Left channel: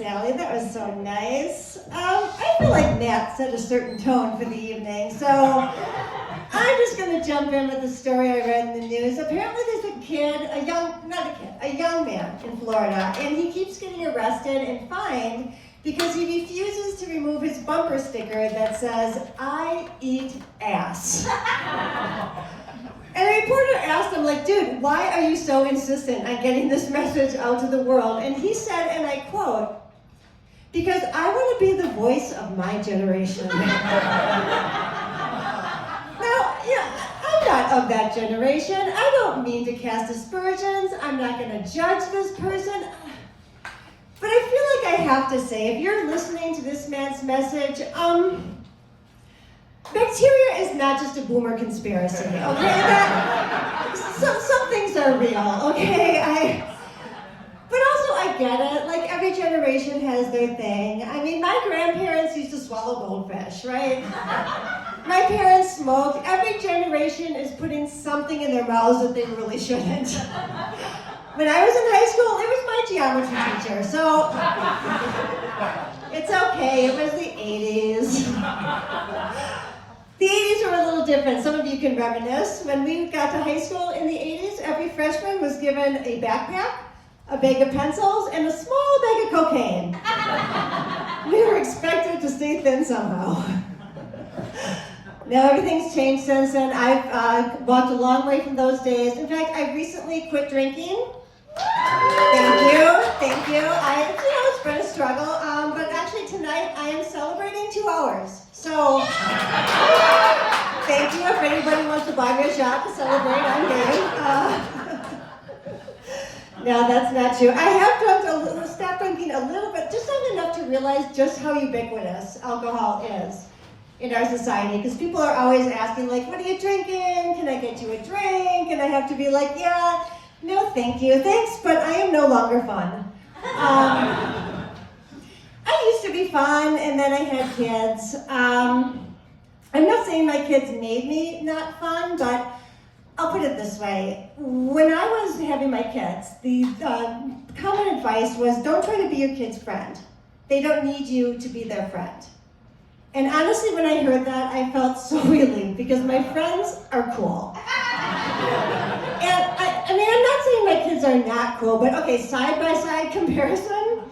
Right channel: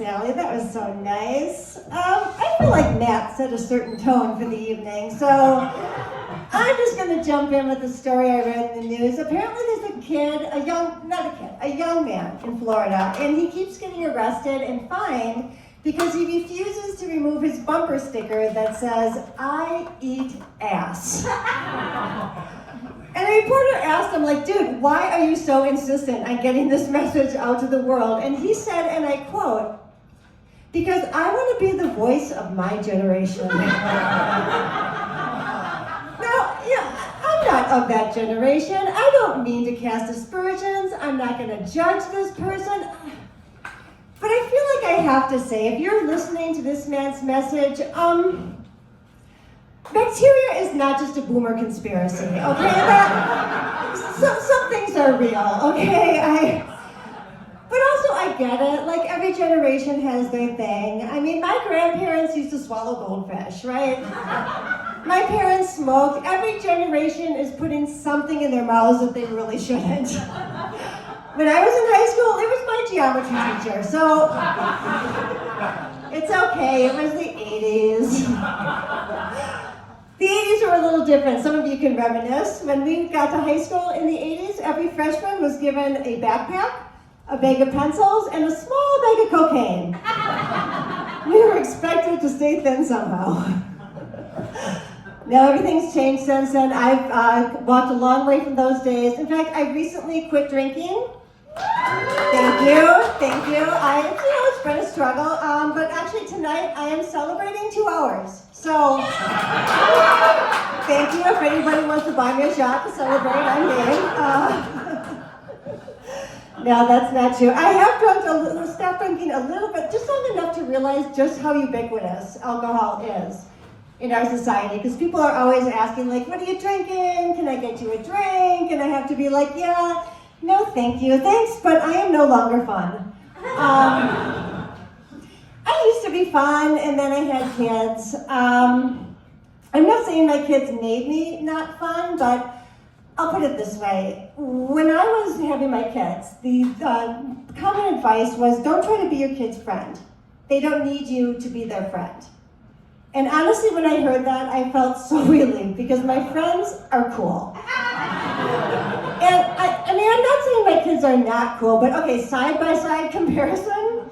Sally. That was so nice. I feel like Matt set a certain tone for the evening, so I'm just going to jump in with the story I read in the news. Apparently there's a young man in Florida, and he keeps getting arrested and fined because he refuses to remove his bumper sticker that says, "I eat ass." And a reporter asked him, like, dude, why are you so insistent on getting this message out to the world? And he said, and I quote, "Because I want to be the voice of my generation." Now, yeah, I'm not of that generation. I don't mean to cast aspersions. I'm not going to judge this person. But I feel like I have to say, if you're listening to this man's message, bacteria is not just a boomer conspiracy, okay? Some things are real, okay? But also I get it, like every generation has their thing. I mean, my grandparents used to swallow goldfish, right? My parents smoked. Every generation is putting something in their mouths that they really shouldn't. When I was in high school, it was my geometry teacher, so it's okay, it was the 80s. The 80s were a little different. Some of you can reminisce. When we got to high school in the 80s, every freshman was given a backpack, a bag of pencils, and a small bag of cocaine. We were expected to stay thin somehow. Now everything's changed since then. I've walked a long way from those days. In fact, I recently quit drinking. Thank you. It's been a struggle, but actually tonight I am celebrating 2 hours. So, thank you. If anybody wants to buy me a shot to celebrate, I'm game. No, that's not true. I have stopped drinking a little bit, just not enough to realize just how ubiquitous alcohol is in our society. Because people are always asking, like, what are you drinking? Can I get you a drink? And I have to be like, yeah, no, thank you. Thanks, but I am no longer fun. I used to be fun, and then I had kids. I'm not saying my kids made me not fun, but I'll put it this way. When I was having my kids, the common advice was don't try to be your kid's friend. They don't need you to be their friend. And honestly, when I heard that, I felt so relieved because my friends are cool. And I mean, I'm not saying my kids are not cool, but okay, side-by-side comparison,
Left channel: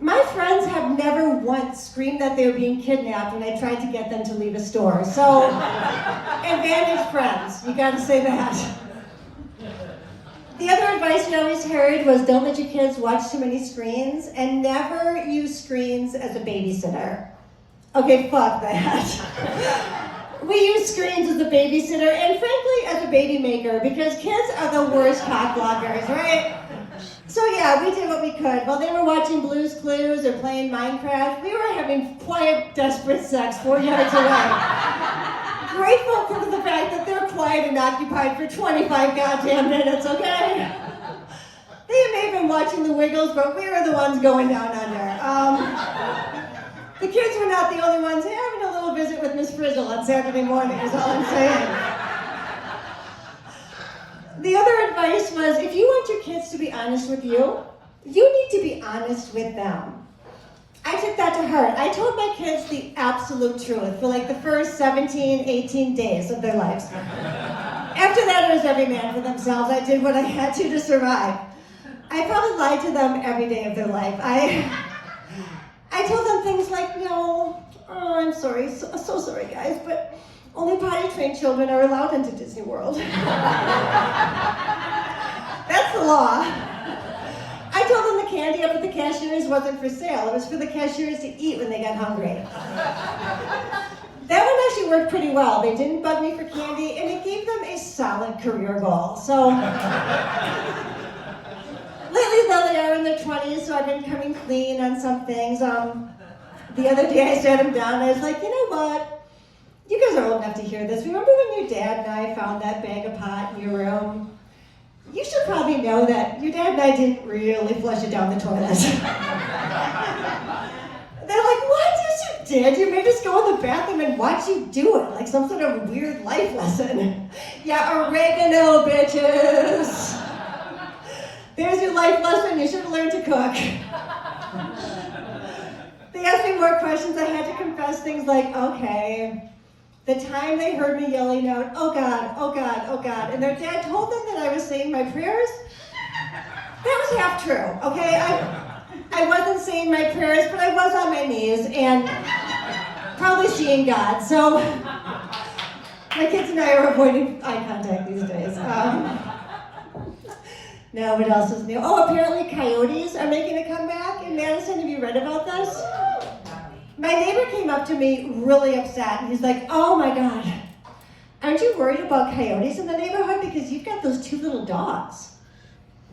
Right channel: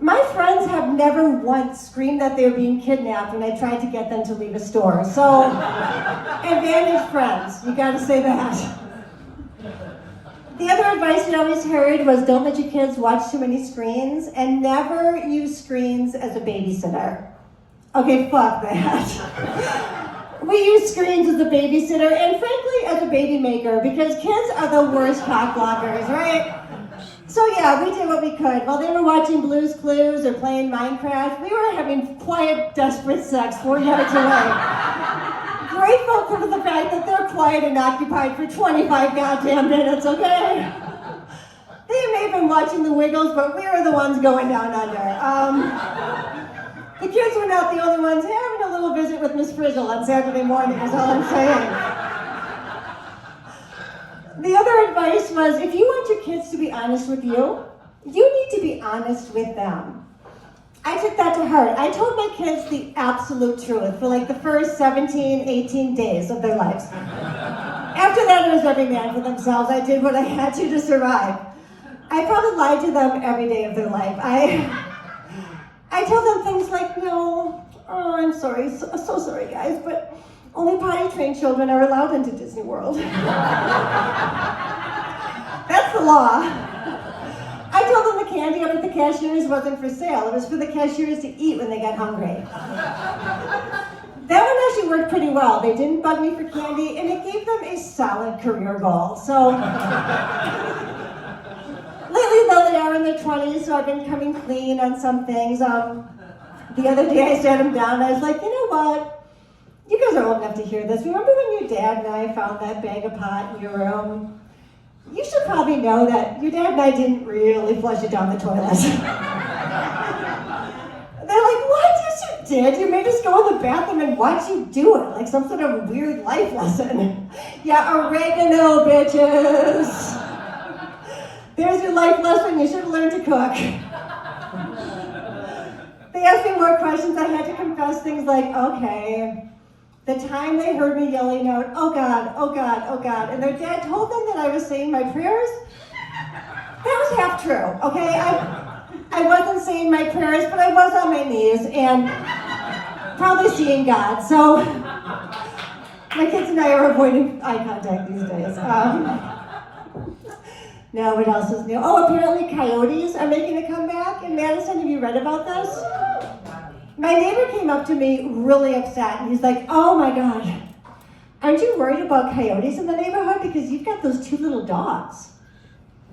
my friends have never once screamed that they were being kidnapped when I tried to get them to leave a store. So, advantage friends, you gotta say that. The other advice we always heard was don't let your kids watch too many screens and never use screens as a babysitter. Okay, fuck that. We use screens as a babysitter and frankly as a baby maker because kids are the worst cock blockers, right? So yeah, we did what we could. While they were watching Blue's Clues or playing Minecraft, we were having quiet, desperate sex 4 yards away. Grateful for the fact that they're quiet and occupied for 25 goddamn minutes, okay? They may have been watching The Wiggles, but we were the ones going down under. The kids were not the only ones having a little visit with Miss Frizzle on Saturday morning, is all I'm saying. The other advice was, if you want your kids to be honest with you, you need to be honest with them. I took that to heart. I told my kids the absolute truth for like the first 17, 18 days of their lives. After that, it was every man for themselves. I did what I had to survive. I probably lied to them every day of their life. I told them things like, no, oh, I'm sorry, so sorry guys, but only potty-trained children are allowed into Disney World. That's the law. I told them the candy up at the cashiers wasn't for sale. It was for the cashiers to eat when they got hungry. That one actually worked pretty well. They didn't bug me for candy, and it gave them a solid career goal. So, lately, though, they are in their 20s, so I've been coming clean on some things. The other day, I sat them down, and I was like, you know what? You guys are old enough to hear this. Remember when your dad and I found that bag of pot in your room? You should probably know that your dad and I didn't really flush it down the toilet. They're like, what? Yes, you did. You made us go in the bathroom and watch you do it, like some sort of weird life lesson. Yeah, oregano, bitches. There's your life lesson. You should have learned to cook. asked me more questions. I had to confess things like, okay, the time they heard me yelling out, oh God, oh God, oh God, and their dad told them that I was saying my prayers, that was half true, okay? I wasn't saying my prayers, but I was on my knees and probably seeing God. So my kids and I are avoiding eye contact these days. Now, what else is new? Oh, apparently coyotes are making a comeback in Madison. Have you read about this? My neighbor came up to me really upset, and he's like, oh my God, aren't you worried about coyotes in the neighborhood because you've got those 2 little dogs?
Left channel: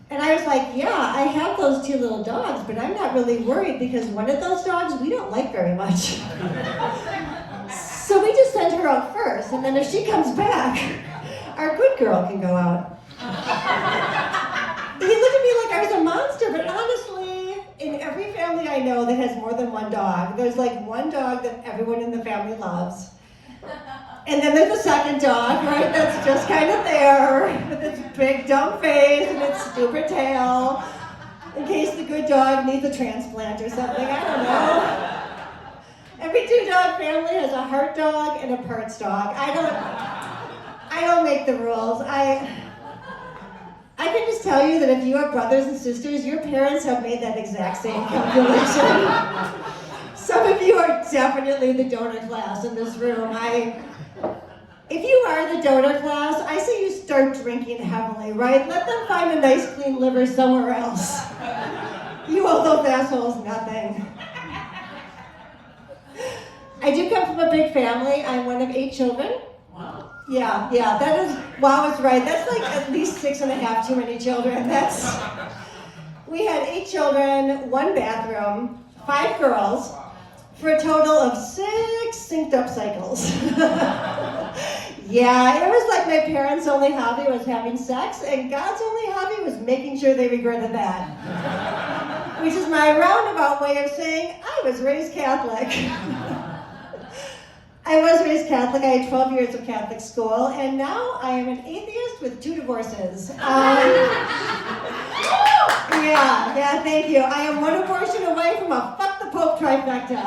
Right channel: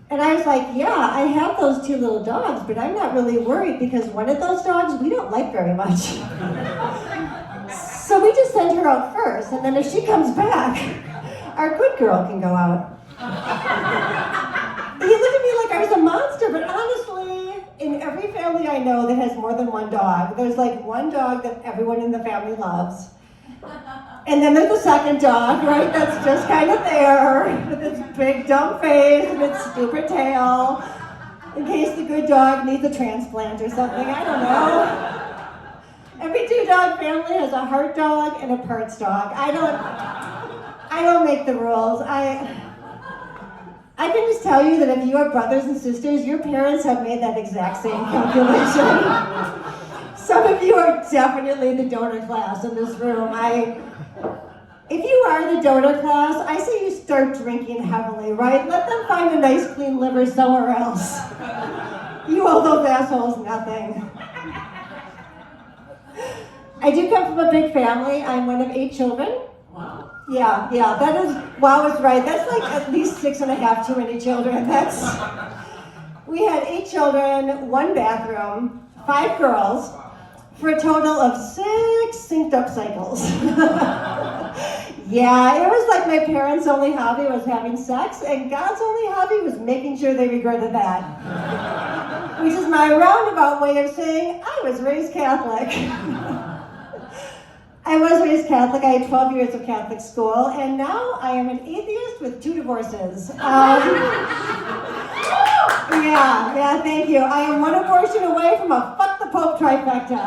And I was like, yeah, I have those 2 little dogs, but I'm not really worried because one of those dogs we don't like very much. So we just send her out first, and then if she comes back, our good girl can go out. He looked at me like I was a monster, but honestly, in every family I know that has more than 1 dog, there's like 1 dog that everyone in the family loves. And then there's the second dog, right, that's just kind of there with its big dumb face and its stupid tail, in case the good dog needs a transplant or something, I don't know. Every 2-dog family has a heart dog and a parts dog. I don't make the rules. I can just tell you that if you have brothers and sisters, your parents have made that exact same calculation. Some of you are definitely the donor class in this room. If you are the donor class, I say you start drinking heavily, right? Let them find a nice clean liver somewhere else. You owe those assholes nothing. I do come from a big family. I'm one of 8 children. Wow. Yeah, that is, wow, is right. That's like at least 6.5 too many children. We had 8 children, 1 bathroom, 5 girls, for a total of 6 synced up cycles. Yeah, it was like my parents' only hobby was having sex, and God's only hobby was making sure they regretted that. Which is my roundabout way of saying, I was raised Catholic. I was raised Catholic. I had 12 years of Catholic school, and now I am an atheist with 2 divorces. Yeah, thank you. I am 1 abortion away from a fuck the Pope trifecta.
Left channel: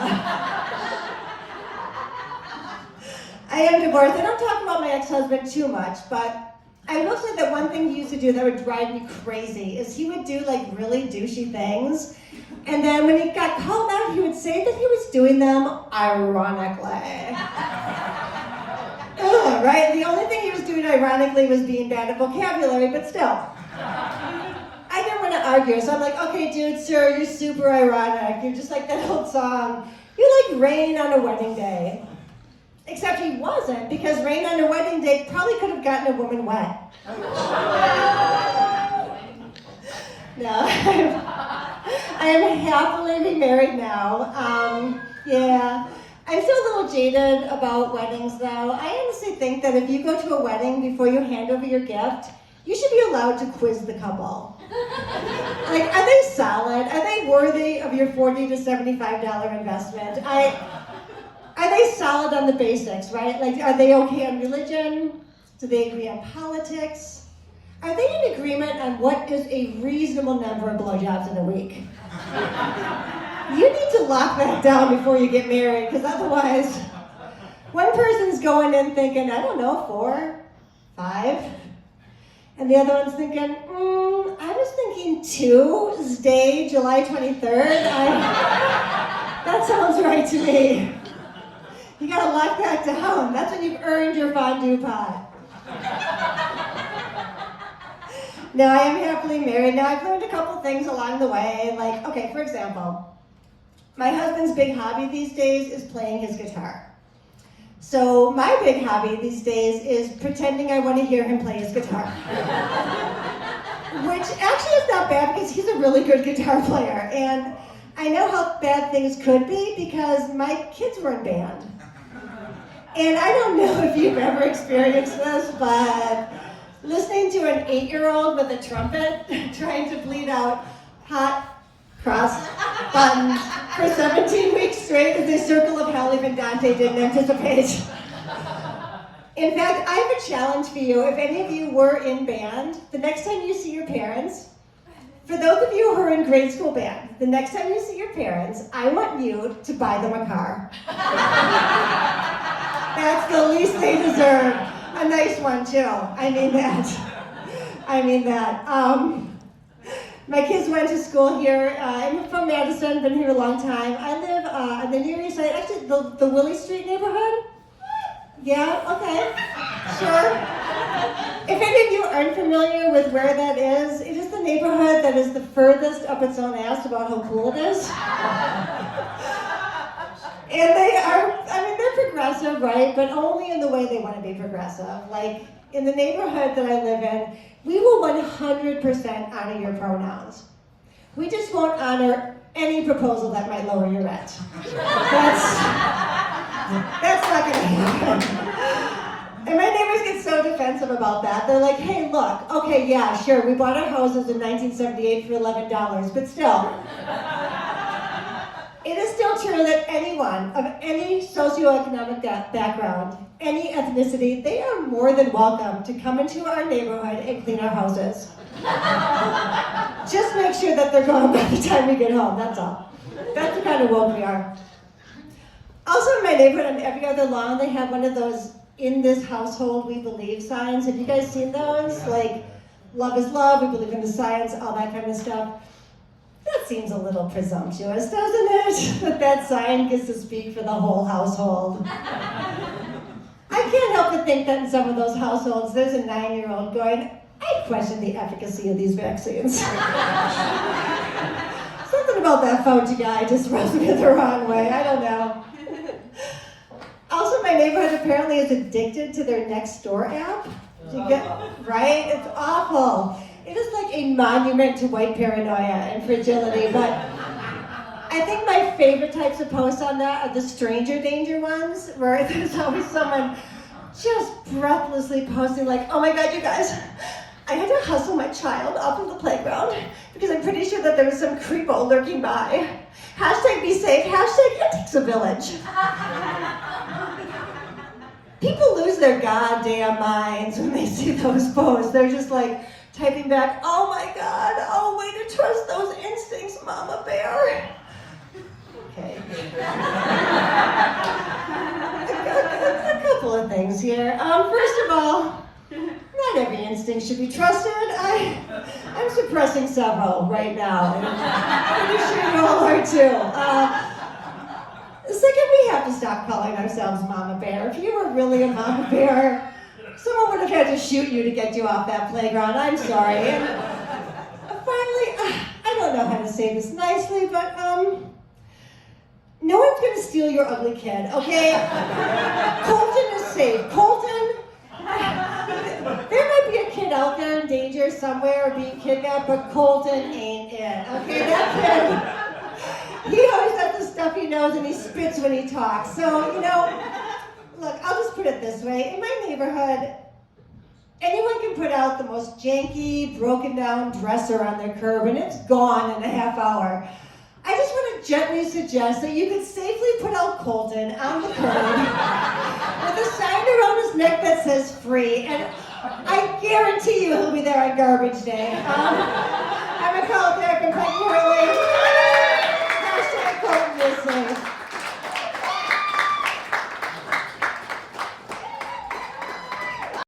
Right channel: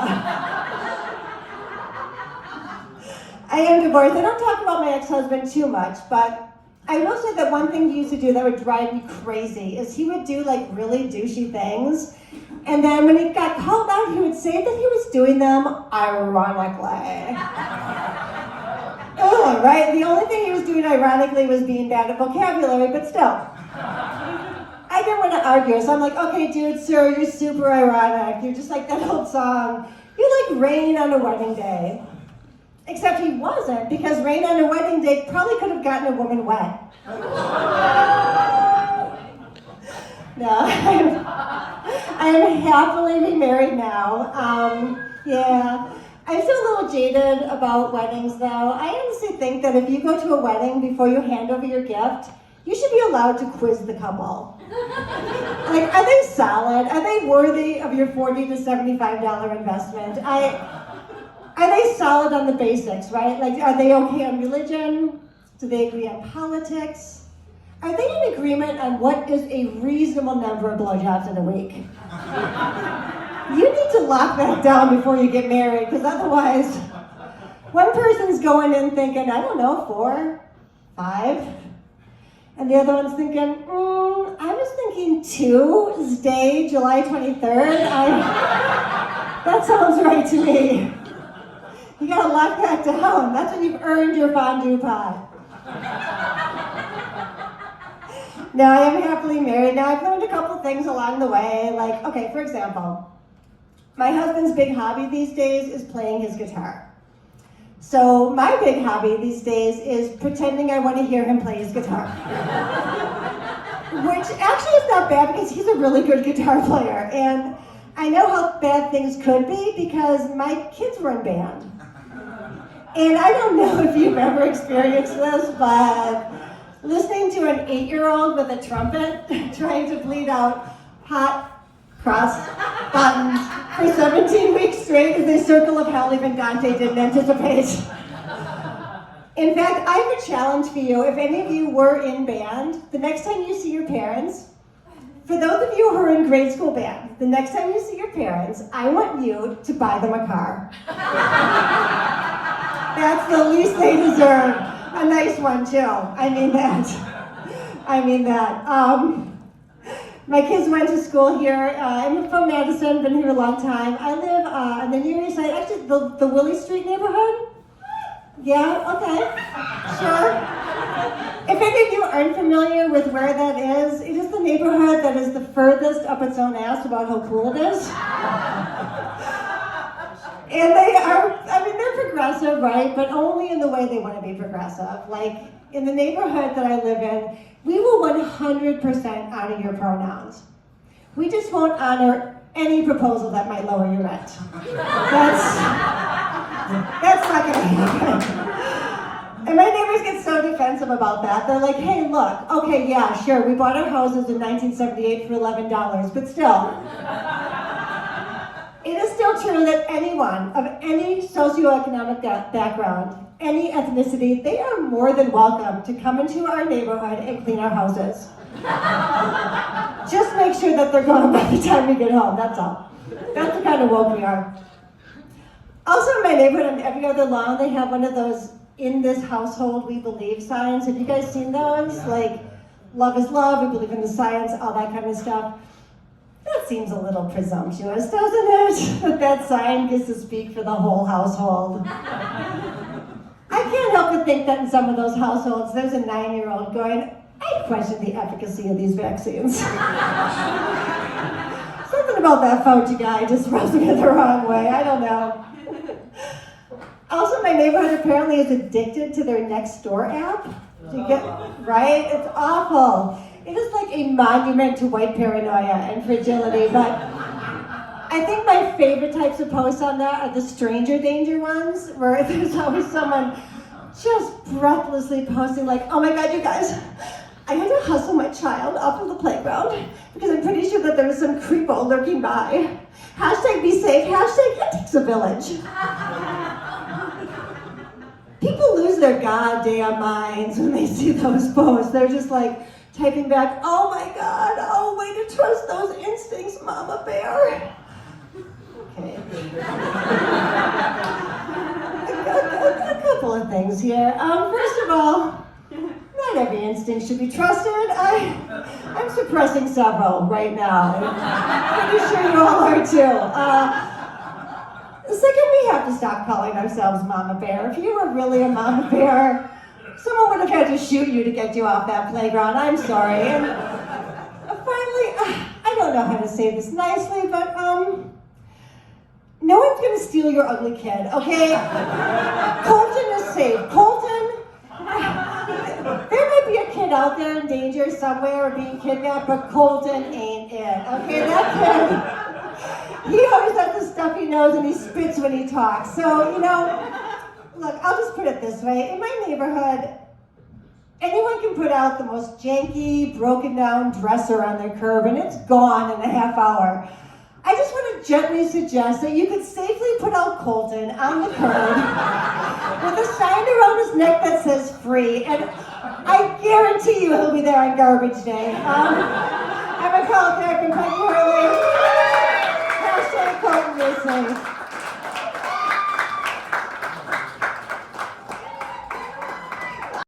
I am divorced. I don't talk about my ex-husband too much, but I will say that one thing he used to do that would drive me crazy is he would do like really douchey things, and then when he got called out, he would say that he was doing them ironically. Ugh, right? The only thing he was doing ironically was being bad at vocabulary, but still. I didn't want to argue, so I'm like, okay, dude, sir, you're super ironic. You're just like that old song. You're like rain on a wedding day. Except he wasn't, because rain on a wedding day probably could have gotten a woman wet. No, I am happily remarried now. Yeah. I feel a little jaded about weddings, though. I honestly think that if you go to a wedding before you hand over your gift, you should be allowed to quiz the couple. Like, are they solid? Are they worthy of your $40 to $75 investment? Are they solid on the basics, right? Like, are they okay on religion? Do they agree on politics? Are they in agreement on what is a reasonable number of blowjobs in a week? You need to lock that down before you get married, because otherwise, one person's going in thinking, I don't know, 4, 5, and the other one's thinking, I was thinking Tuesday, July 23rd. That sounds right to me. You gotta lock that down. That's when you've earned your fondue pot. Now, I am happily married. Now, I've learned a couple things along the way. Like, okay, for example, my husband's big hobby these days is playing his guitar. So my big hobby these days is pretending I want to hear him play his guitar. Which actually is not bad because he's a really good guitar player. And I know how bad things could be because my kids were in band. And I don't know if you've ever experienced this, but listening to an 8-year-old with a trumpet trying to bleed out hot cross buttons for 17 weeks straight is a circle of hell even Dante didn't anticipate. In fact, I have a challenge for you. If any of you were in band, the next time you see your parents, For those of you who are in grade school band, the next time you see your parents, I want you to buy them a car. That's the least they deserve. A nice one, too. I mean that. My kids went to school here. I'm from Madison, been here a long time. I live on the Near East Side, actually the Willie Street neighborhood. Yeah, okay, sure. If any of you aren't familiar with where that is, it is the neighborhood that is the furthest up its own ass about how cool it is. And they're progressive, right? But only in the way they want to be progressive. Like, in the neighborhood that I live in, we will 100% honor your pronouns. We just won't honor any proposal that might lower your rent. That's not gonna happen. And my neighbors get so defensive about that. They're like, hey, look, okay, yeah, sure, we bought our houses in 1978 for $11, but still. It is still true that anyone of any socioeconomic background, any ethnicity, they are more than welcome to come into our neighborhood and clean our houses. Just make sure that they're gone by the time we get home, that's all. That's the kind of woke we are. Also in my neighborhood, on every other lawn, they have one of those "in this household we believe" signs. Have you guys seen those? Like, love is love, we believe in the science, all that kind of stuff. That seems a little presumptuous, doesn't it? That sign gets to speak for the whole household. I can't help but think that in some of those households, there's a 9-year-old going, I question the efficacy of these vaccines. Something about that Fauci guy just rubs me the wrong way, I don't know. Also, my neighborhood apparently is addicted to their Nextdoor app. Right? It's awful. It is like a monument to white paranoia and fragility, but I think my favorite types of posts on that are the stranger danger ones, where there's always someone just breathlessly posting like, oh my God, you guys, I had to hustle my child off of the playground because I'm pretty sure that there was some creepo lurking by. Hashtag be safe, hashtag it takes a village. People lose their goddamn minds when they see those posts. They're just like typing back, oh my God, oh, way to trust those instincts, Mama Bear. Okay. A couple of things here. First of all, not every instinct should be trusted. I'm suppressing several right now. I'm pretty sure you all are too. Second, we have to stop calling ourselves Mama Bear. If you were really a Mama Bear, someone would have had to shoot you to get you off that playground. I'm sorry. And finally, I don't know how to say this nicely, but no one's gonna steal your ugly kid, okay? Colton is safe. Colton, there might be a kid out there in danger somewhere or being kidnapped, but Colton ain't it, okay? That kid, he always has the stuffy nose and he spits when he talks. So, look, I'll just put it this way. In my neighborhood, anyone can put out the most janky, broken down dresser on their curb and it's gone in a half hour. I just want to gently suggest that you could safely put out Colton on the curb with a sign around his neck that says free, and I guarantee you he'll be there on garbage day. I'm a call back and quite Hashtag Colton is safe.